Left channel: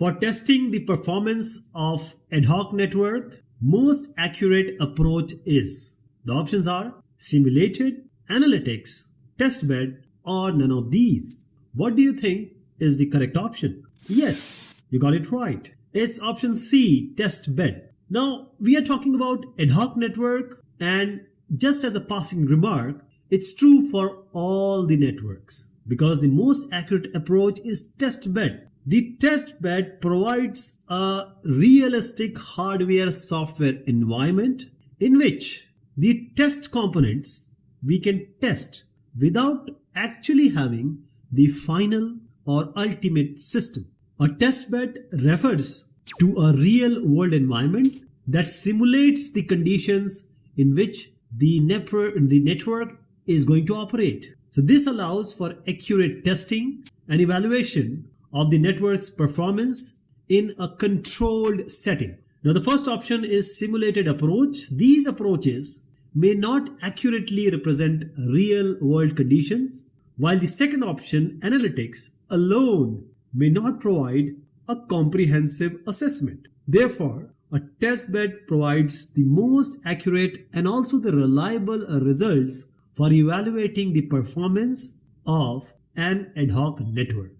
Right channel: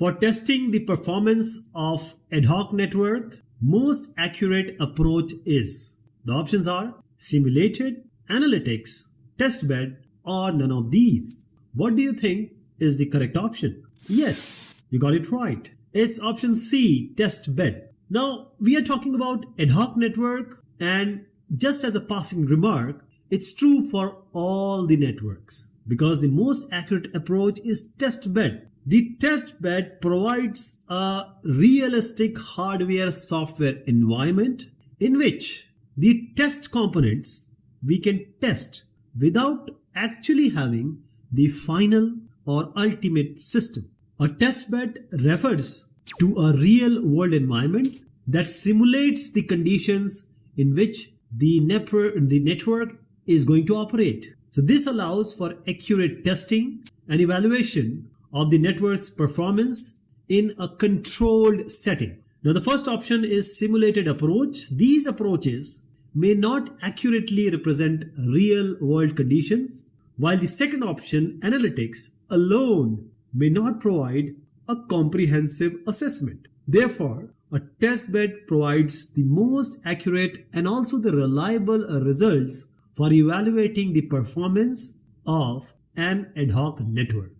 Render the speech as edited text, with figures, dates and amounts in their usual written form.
For testing the performance of ad hoc network, most accurate approach is, the options are simulated, analytics, testbed, or none of these. What do you think is the correct option? Yes, you got it right. It's option C, testbed. Now, we are talking about ad hoc network, and just as a passing remark, it's true for all the networks because the most accurate approach is testbed. The testbed provides a realistic hardware-software environment in which the test components we can test without actually having the final or ultimate system. A testbed refers to a real-world environment that simulates the conditions in which the network is going to operate. So this allows for accurate testing and evaluation of the network's performance in a controlled setting. Now the first option is simulated approach. These approaches may not accurately represent real-world conditions, while the second option, analytics, alone may not provide a comprehensive assessment. Therefore, a testbed provides the most accurate and also the reliable results for evaluating the performance of an ad hoc network.